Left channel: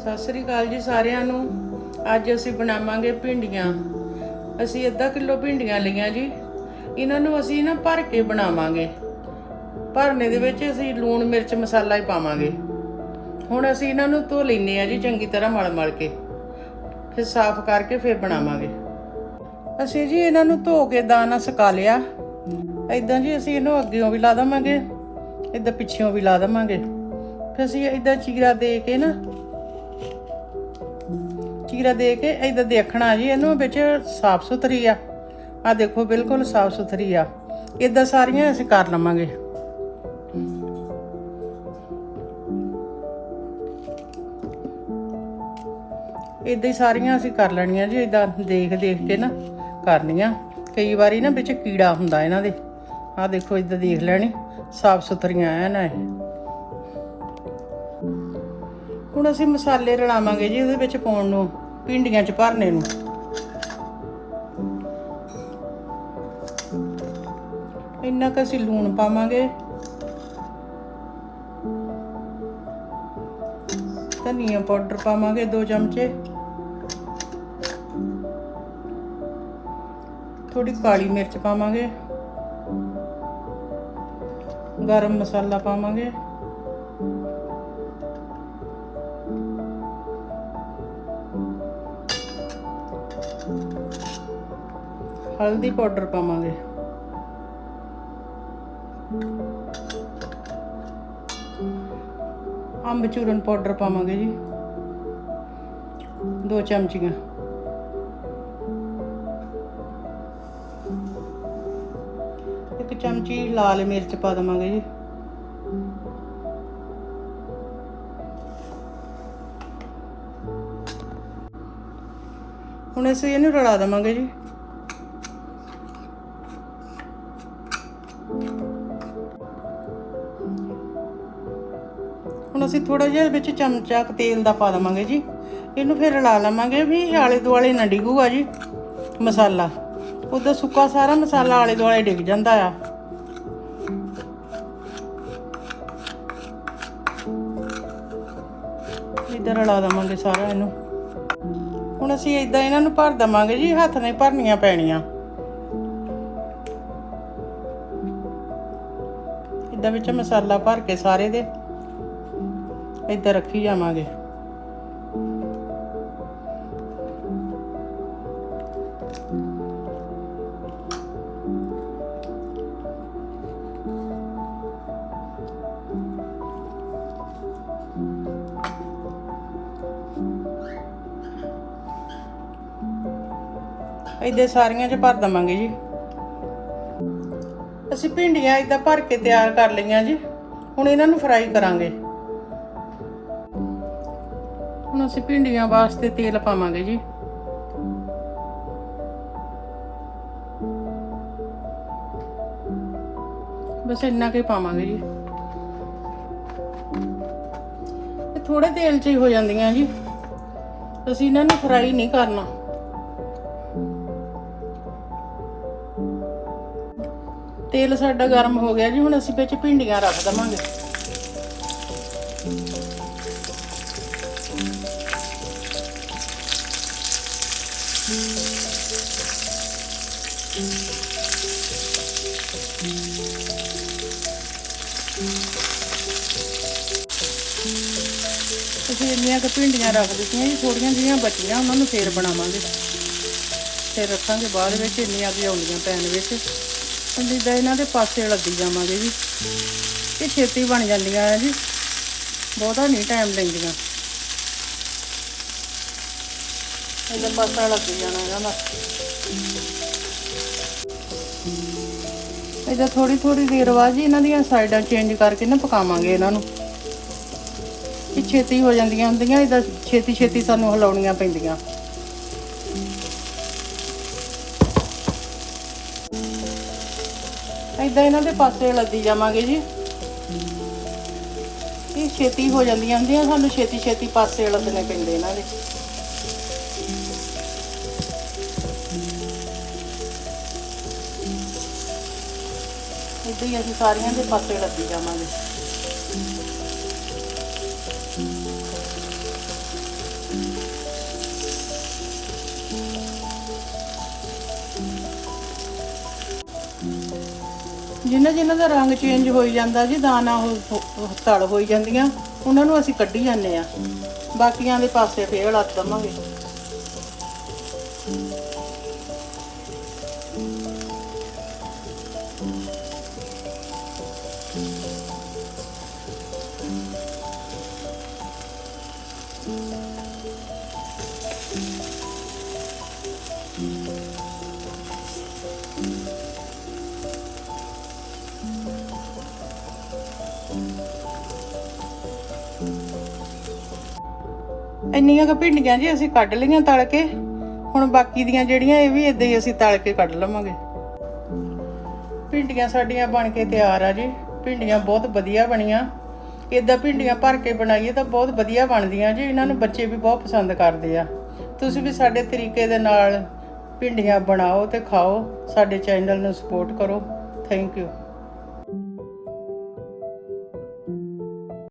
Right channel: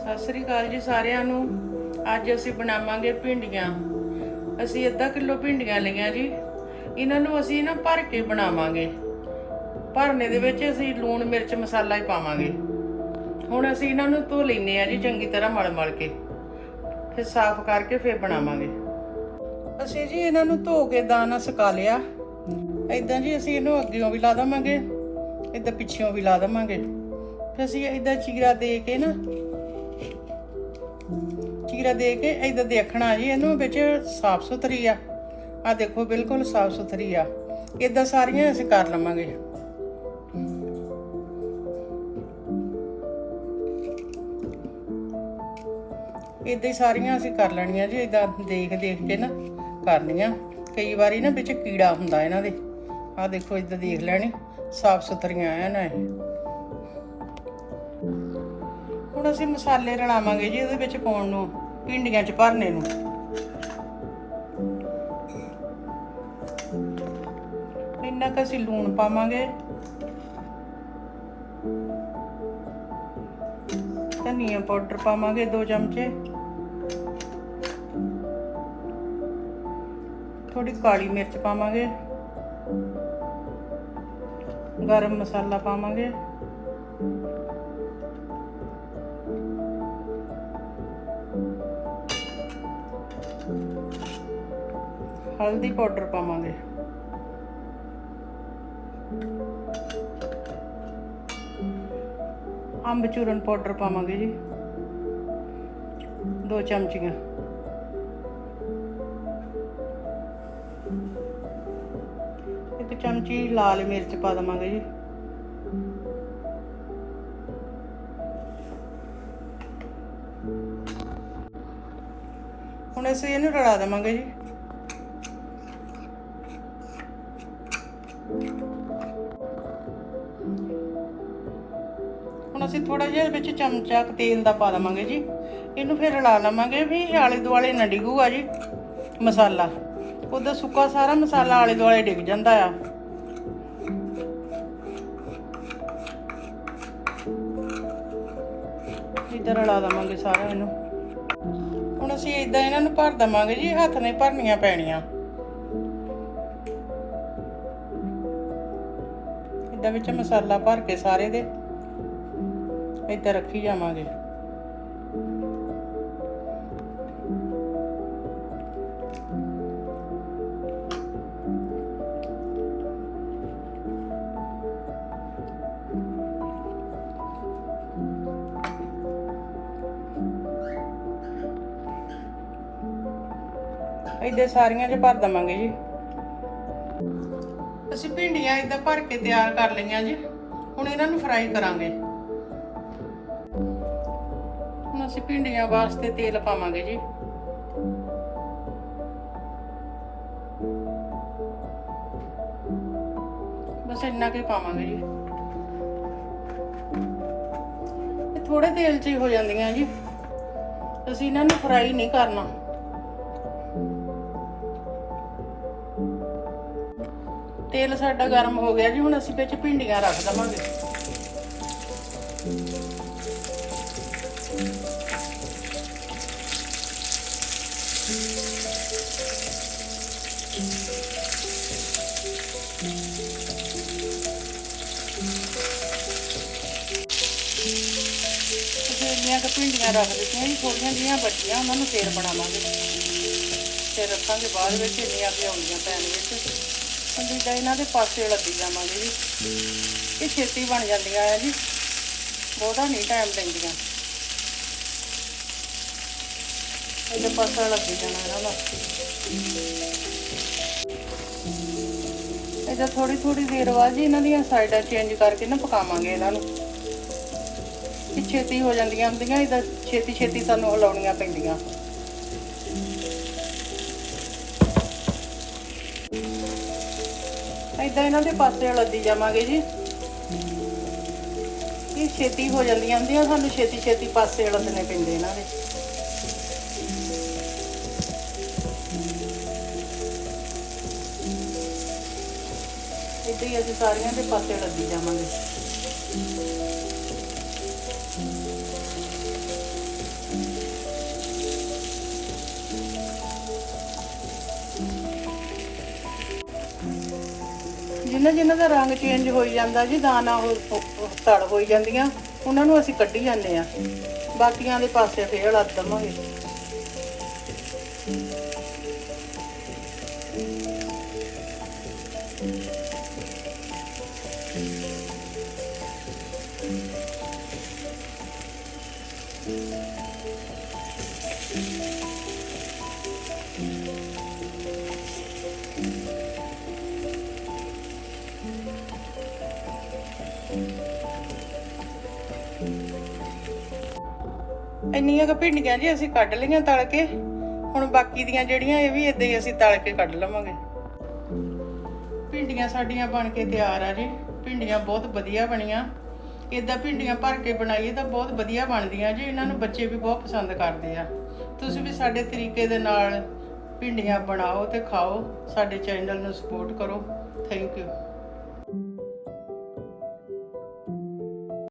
ਸਤਿ ਸ੍ਰੀ ਅਕਾਲ ਜੀ ਸਾਰਿਆਂ ਨੂੰ। ਅੱਜ ਅਸੀਂ ਬਣਾਵਾਂਗੇ ਭਿੰਡੀਆਂ। ਅਸੀਂ ਅੱਧਾ ਕਿਲੋ ਭਿੰਡੀਆਂ ਲਈਆਂ ਜੀ। ਇਹਨਾਂ ਨੂੰ ਅਸੀਂ ਨਾ ਭਰ ਕੇ ਬਣਾਵਾਂਗੇ। ਭਰਨੇ ਦੇ ਵਿੱਚ ਅਸੀਂ ਲੂਣ, ਮਿਰਚ, ਮਸਾਲਾ ਹੀ ਪਾਵਾਂਗੇ। ਹੁਣ ਅਸੀਂ ਇਹਨਾਂ ਨੂੰ ਧੋ ਲੈਨੇ ਆ ਜੀ ਚੰਗੀ ਤਰ੍ਹਾਂ ਮਲ ਮਲ ਕੇ। ਫਿਰ ਸਾਫ਼ ਕਰਕੇ ਫਿਰ ਬਣਾਵਾਂਗੇ। ਅਸੀਂ ਜੀ ਇਹਨਾਂ ਨੂੰ ਧੋ ਕੇ ਦਾਣਾ ਸੁਕਾ ਲਿਆ। ਇਦਾਂ ਜੀ ਅਸੀਂ ਇਹਨੂੰ ਅੱਗੇੋਂ ਵੀ ਲਾ ਦਵਾਂਗੇ ਇਦਾਂ ਪਿੱਛੇੋਂ ਵੀ ਲਾ ਦਵਾਂਗੇ। ਫਿਰ ਅਸੀਂ ਇਦਾਂ ਚੀਰਾ ਦੇ ਕੇ ਨਾ ਚੀਰਾ ਦੇ ਕੇ ਇਦਾਂ ਦੇਖਣਾ ਜੀ, ਇਹਨੂੰ ਵਿੱਚ ਸਾਫ਼ ਸੁਥਰੀ ਆ। ਆ ਦੇਖੋ, ਬਿਲਕੁਲ ਸਾਫ਼ ਸੁਥਰੀ ਆ। ਇਦਾਂ ਸਾਰੀਆਂ ਅਸੀਂ ਕਰ ਲਵਾਂਗੇ। ਇਦਾਂ ਹੀ ਸਾਰੀਆਂ ਅਸੀਂ ਕਰ ਲੈਣੀਆਂ ਜੀ ਇਦਾਂ ਦੇਖ ਦੇਖ ਕੇ ਨਾ ਕਰਨੀਆਂ। ਕਈ ਵਾਰੀ ਨਾ ਵਿੱਚ ਕੀੜਾ ਹੁੰਦਾ ਇਹਨਾਂ ਦੇ। ਆ ਦੇਖੋ ਇਦਾਂ ਦੇਖ ਲੈਣੀ। ਸਾਫ਼ ਸੁਥਰੀਆਂ ਆ ਨਾ ਹੁਣ ਅਸੀਂ ਮਸਾਲੇ ਰਲਾਵਾਂਗੇ ਜੀ ਉਹਦੇ ਵਿੱਚ ਪਾਉਣ ਨੂੰ। ਭਿੰਡੀਆਂ ਚ ਭਰਨੇ ਨੂੰ। ਇੰਨਾ ਕੁ ਅਸੀਂ ਲੂਣ ਪਾਵਾਂਗੇ। ਧਨੀਆ ਪਾਊਡਰ ਪਾਵਾਂਗੇ 2 ਚਮਚੇ। ਥੋੜੀ ਕਾਲੀ ਮਿਰਚ ਪਾਵਾਂਗੇ। ਗਰਮ ਮਸਾਲਾ ਪਾਵਾਂਗੇ। ਹਲਦੀ ਪਾਊਡਰ ਪਾਵਾਂਗੇ। ਅੰਬ ਚੂਰਨ ਪਾਊਡਰ ਪਾਵਾਂਗੇ ਜੀ। ਦੋ ਚਮਚੀਆਂ। ਇੱਕ ਚਮਚੀ ਲਾਲ ਮਿਰਚ ਪਾ ਦਵਾਂਗੇ ਜੀ। ਹੁਣ ਅਸੀਂ ਇਹਨੂੰ ਰਲਾ ਦੇਵਾਂਗੇ ਜੀ। ਹੁਣ ਅਸੀਂ ਥੋੜਾ ਜਿਹਾ ਵਿੱਚ ਚਮਚਾ ਤੇਲ ਦਾ ਪਾ ਦੇਵਾਂਗੇ ਜੀ। ਇਹਨੂੰ ਫਿਰ ਰਲਾ ਲਵਾਂਗੇ ਵੀ ਆਲੇ ਦੁਆਲੇ ਨਾ ਡਿੱਗੂਗਾ ਜੀ ਮਸਾਲਾ। ਉਹਦਾ ਸੁੱਕਾ ਸਾਰਾ ਮਸਾਲਾ ਆਲੇ ਦੁਆਲੇ ਡਿੱਗ ਜਾਂਦਾ ਆ। ਇਧਰ ਰਲਾ ਦੇਵਾਂਗੇ ਸਾਰਾ ਇਹਨੂੰ। ਅਸੀਂ ਇਦਾਂ ਇਹਨਾਂ ਨੂੰ ਭਰ ਦਵਾਂਗੇ ਜੀ, ਹੱਥ ਨਹੀਂ ਭਰਨੀਆਂ ਪੈਣੀਆਂ। ਇਦਾਂ ਵਿੱਚ ਮਸਾਲਾ ਭਰ ਕੇ ਸਾਰੇ ਦੇ ਇੱਧਰ ਰੱਖੀ ਜਾਵਾਂਗੇ। ਇੱਧਰ ਸਾਰੀਆਂ 'ਚ ਭਰ ਦਵਾਂਗੇ ਜੀ। ਅਸੀਂ ਭਿੰਡੀਆਂ ਇਦਾਂ ਭਰ ਕੇ ਤਿਆਰ ਕਰ ਲਈਆਂ ਜੀ। ਹੁਣ ਇਹਨਾਂ ਨੂੰ ਫਰਾਈ ਕਰਾਂਗੇ। ਹੁਣ ਅਸੀਂ ਭਿੰਡੀਆਂ ਵਾਸਤੇ ਤੇਲ ਪਾਵਾਂਗੇ ਜੀ। ਬਸ ਇੰਨਾ ਕੁ ਪਾਵਾਂਗੇ ਜੀ। ਇਹ ਥੋੜੇ ਤੇਲ 'ਚ ਹੀ ਹੋ ਜਾਂਦੀਆਂ ਜੀ। ਅਸੀਂ ਇਹਨਾਂ ਨੂੰ ਫਰਾਈ ਨਹੀਂ ਕਰਨਾ। ਤੇਲ ਸਾਡਾ ਗਰਮ ਹੋ ਗਿਆ ਜੀ, ਹੁਣ ਅਸੀਂ ਵਿੱਚ ਭਿੰਡੀਆਂ ਰੱਖ ਦਵਾਂਗੇ। ਤੁਸੀਂ ਇੰਨੀਆਂ ਕੁ ਭਿੰਡੀਆਂ ਰੱਖ ਦਿੱਤੀਆਂ ਜੀ, ਥੋੜੀਆਂ ਜਿਹੀਆਂ ਬਚੀਆਂ, ਉਹਨਾਂ ਨੂੰ ਫੇਰ ਬਣਾਵਾਂਗੇ। ਫੇਰ ਰੱਖਾਂਗੇ ਬਾਅਦ ਵਿੱਚ, ਇੰਨੀਆਂ ਵੀ ਆਉਂਦੀਆਂ ਪੈਣ ਵਿੱਚ। ਹੁੰਦੀ ਦਾ ਇਹਨਾਂ ਦੇ ਪਾਸੇ ਲੱਗੀ ਜਾਵਾਂਗੇ ਜੀ। ਇਹ ਛੇਤੀ ਬਣ ਜਾਂਦੀਆਂ ਆ ਜੀ ਬਹੁਤਾ ਨਹੀਂ ਟਾਈਮ ਲੈਂਦੀਆਂ। ਇਹਦੇ ਪਾਸੇ ਲੱਗੀ ਜਾਣਾ ਇਹਨਾਂ ਦਾ ਇਹਦਾ ਥੋੜੀ ਥੋੜੀ ਦੇਰ ਬਾਅਦ ਜੀ ਇਹਨਾਂ ਦੀਆਂ ਸਾਈਡਾਂ ਚੇਂਜ ਕਰਕੇ ਨਾ ਪਕਾਵਾਂਗੇ ਇਹਨਾਂ ਨੂੰ। ਇਹ ਛੇਤੀ ਹੋ ਜਾਂਦੀਆਂ ਹੁੰਦੀਆਂ, ਇਹਦਾ ਛੇਤੀ ਛੇਤੀ ਸਾਨੂੰ ਹਿਲਾਉਣੀਆਂ ਪੈਂਦੀਆਂ। ਇਦਾਂ ਇਹਨਾਂ ਦੇ ਪਾਸੇ ਲੱਦੀ ਜਾਵਾਂਗੇ ਜੀ। ਇਹ ਛੇਤੀ ਹੋ ਜਾਂਦੀਆਂ ਹੁੰਦੀਆਂ, ਸਾਨੂੰ ਛੇਤੀ ਛੇਤੀ ਪਾਸੇ ਲੱਦਣੇ ਪੈਂਦੇ ਇਹਨਾਂ ਦੇ। ਇੱਦਾਂ ਹੀ ਅਸੀਂ ਸਾਰੀਆਂ ਦੇ ਪਾਸੇ ਲੱਗੀ ਜਾਵਾਂਗੇ। ਜਿਨ੍ਹਾਂ ਜਿਨ੍ਹਾਂ ਦਾ ਰੰਗ ਚੇਂਜ ਹੋਈ ਜਾਂਦਾ ਜੀ, ਦਾਣਾ ਉਹ ਉਹ ਤਲ ਹੋਈ ਜਾਂਦੀਆਂ, ਉਹਨਾਂ ਨੂੰ ਅਸੀਂ ਕੱਢੀ ਜਾਂਦੇ ਆ ਬਾਕੀਆਂ ਦੇ ਪਾਸੇ ਫੇਰ ਲੱਤ ਦਵਾਂਗੇ। ਇੰਨੀਆਂ ਕੁ ਭਿੰਡੀਆਂ ਜੀ ਅਸੀਂ ਕੱਢ ਲਈਆਂ ਤਲ ਕੇ ਹੁਣ ਬਾਕੀ ਦੀਆਂ ਜਿਹੜੀਆਂ ਇਹ ਵੀ ਇਦਾਂ ਹੀ ਅਸੀਂ ਤਲ ਕੇ ਕੱਢ ਲਵਾਂਗੇ। ਭਿੰਡੀਆਂ ਸਾਡੀਆਂ ਬਣ ਕੇ ਤਿਆਰ ਆ ਜੀ। ਭਿੰਡੀਆਂ ਬਹੁਤ ਵਧੀਆ ਬਣੀਆਂ। ਇਦਾਂ ਭਿੰਡੀਆਂ ਭਰ ਕੇ ਬਣਾਈਏ ਤਾਂ ਬਹੁਤ ਵਧੀਆ ਬਣਦੀਆਂ ਜੀ। ਇਹਨਾਂ ਨੂੰ ਬੱਚੇ ਵੀ ਬਹੁਤ ਪਸੰਦ ਕਰਦੇ ਆ। ਤੁਸੀਂ ਵੀ ਸਾਡੇ ਤਰੀਕੇ ਦੇ ਨਾਲ ਭਿੰਡੀਆਂ ਬਣਾਓ ਤੇ ਖਾਓ। ਸਾਡੇ ਚੈਨਲ ਨੂੰ ਸਪੋਰਟ ਕਰੋ। Thank you.